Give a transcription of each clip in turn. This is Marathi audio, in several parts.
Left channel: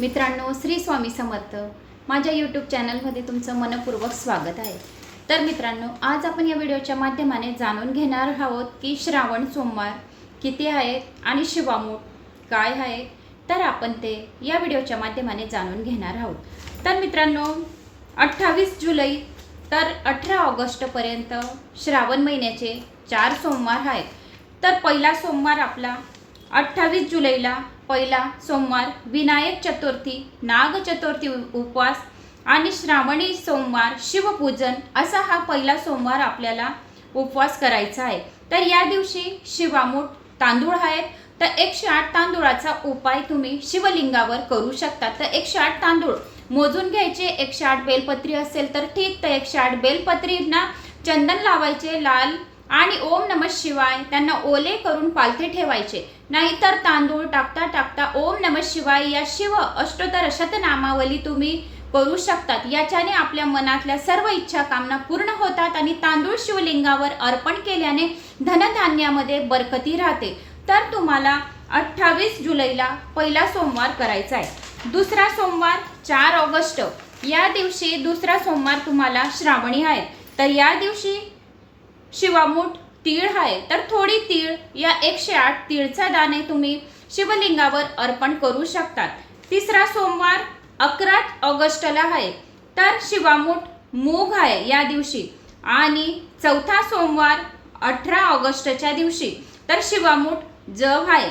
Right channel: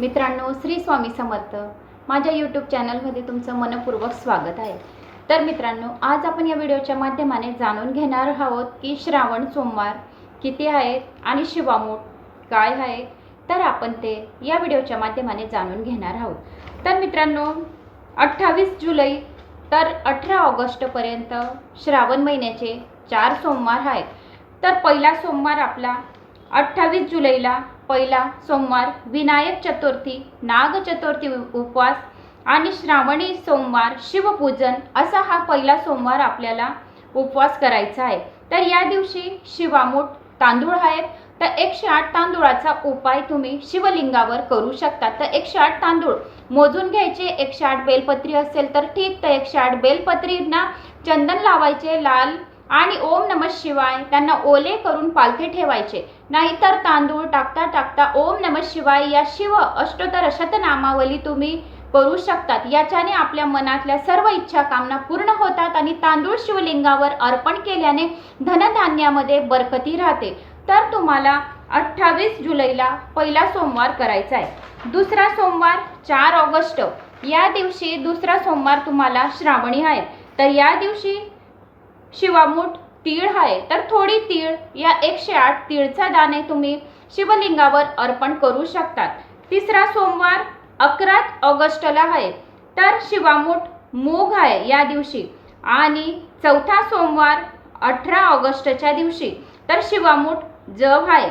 मित्रांनो श्री स्वामी समर्थ. माझ्या यूट्यूब चॅनलमध्ये तुमचं मनपूर्वक स्वागत आहे. तर मित्रांनो आज आपण या व्हिडिओच्या माध्यमाने जाणून घेणार आहोत की श्रावण सोमवार किती आहेत आणि शिवामूठ काय आहे? तर आपण ते या व्हिडिओच्या माध्यमाने जाणून घेणार आहोत. तर मित्रांनो अठ्ठावीस जुलै तर अठरा ऑगस्टपर्यंत श्रावण महिन्याचे चार सोमवार आहेत. तर पहिला सोमवार आपला अठ्ठावीस जुलैला पहिला सोमवार विनायक चतुर्थी नाग चतुर्थी उपवास आणि श्रावणी सोमवार शिवपूजन असा हा पहिला सोमवार आपल्याला उपवास करायचा आहे. तर या दिवशी शिवामूठ तांदूळ आहेत. तर एकशे आठ तांदूळाचा उपाय तुम्ही शिवलिंगावर करू शकता. तर एकशे आठ तांदूळ मोजून घ्यायचे. एकशे आठ बेलपत्री असेल तर ठीक. तर एकशे आठ बेलपत्रींना चंदन लावायचे लाल आणि ओम नम शिवाय त्यांना ओले करून पालथे ठेवायचे. नाहीतर तांदूळ टाकता टाकता ओम नम शिवाय या शिव अष्टोत्तर शतनामावली तुम्ही करू शकतात. याच्याने आपल्या मनातल्या सर्व इच्छा कामना पूर्ण होतात आणि तांदूळ शिवलिंगावर अर्पण केल्याने धनधान्यामध्ये बरकती राहते. तर तुम्हाला अठ्ठावीस जुलैला पहिला सोमवार करायचा आहे. दुसरा सोमवार चार ऑगस्ट. या दिवशी दुसरा सोमवार तुम्हाला श्रावणी आहे. तर या दिवशी शिवामूठ तीळ आहे. तर थोडी तीळ या एकशे आठ तीळचा दाणे तुम्ही शिवलिंगावर अर्पण करू शकतात. तिसरा सोमवार अकरा ऑगस्टला आहे. तर शिवामूठ मूग आहे या दिवशी. आणि चौथा सोमवार अठरा ऑगस्टच्या दिवशी. तर शिवामूठ जव आहे.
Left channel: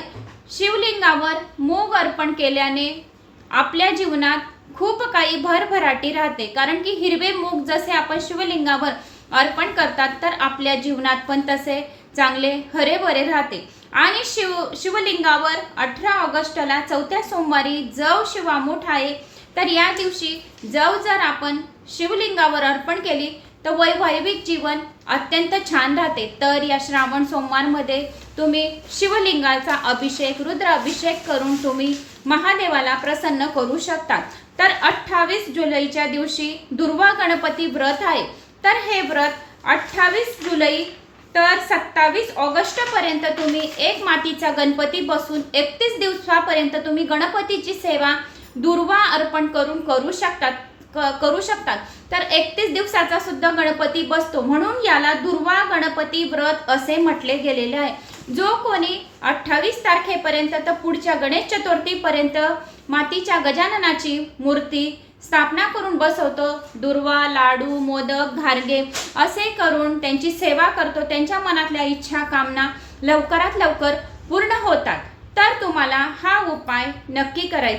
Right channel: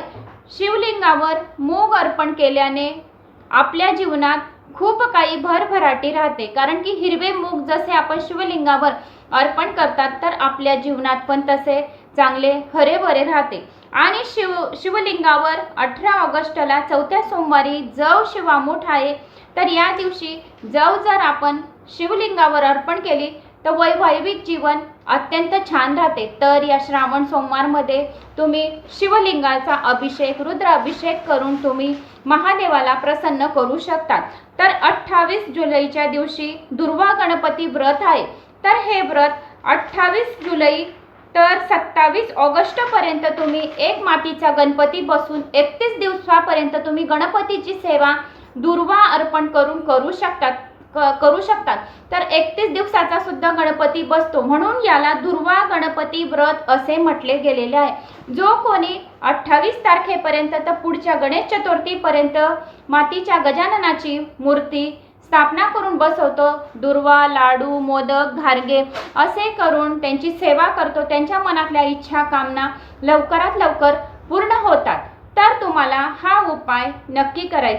शिवलिंगावर मूग अर्पण केल्याने आपल्या जीवनात खूप काही भरभराटी राहते. कारण की हिरवे मूग जसे आपण शिवलिंगावर अर्पण करतात तर आपल्या जीवनात पण तसे चांगले हरेभरे राहते. आणि शिव शिवलिंगावर अठरा ऑगस्टला चौथ्या सोमवारी जव शिवामूठ आहे तर या दिवशी जव जर आपण शिवलिंगावर अर्पण केली तर वैवाहिक जीवन अत्यंत छान राहते. तर या श्रावण सोमवारमध्ये तुम्ही शिवलिंगाचा अभिषेक रुद्र अभिषेक करून तुम्ही महादेवाला प्रसन्न करू शकता. तर अठ्ठावीस जुलैच्या दिवशी दुर्वा गणपती व्रत आहे. तर हे व्रत अठ्ठावीस जुलै तर सत्तावीस ऑगस्टपर्यंत तुम्ही एक मातीचा गणपती बसून एकतीस दिवसापर्यंत तुम्ही गणपतीची सेवा दुर्वा अर्पण करून करू शकतात क- करू शकतात. तर एकतीस दिवसाचा सुद्धा गणपती बसतो. म्हणून याला दुर्वा गणपती व्रत असे म्हटले गेलेले आहे. जो कोणी अठ्ठावीस तारखेपर्यंत तर पुढच्या गणेश चतुर्थीपर्यंत मातीच्या गजाननाची मूर्ती स्थापना करून बसवतो. दुर्वा लाडू मोदक घारगे असे करून त्यांची सेवा करतो. त्यांच्या मनातल्या इच्छा कामना लवकरात लवकर पूर्ण होतात. तर तुम्हाला हा उपाय नक्की करायचा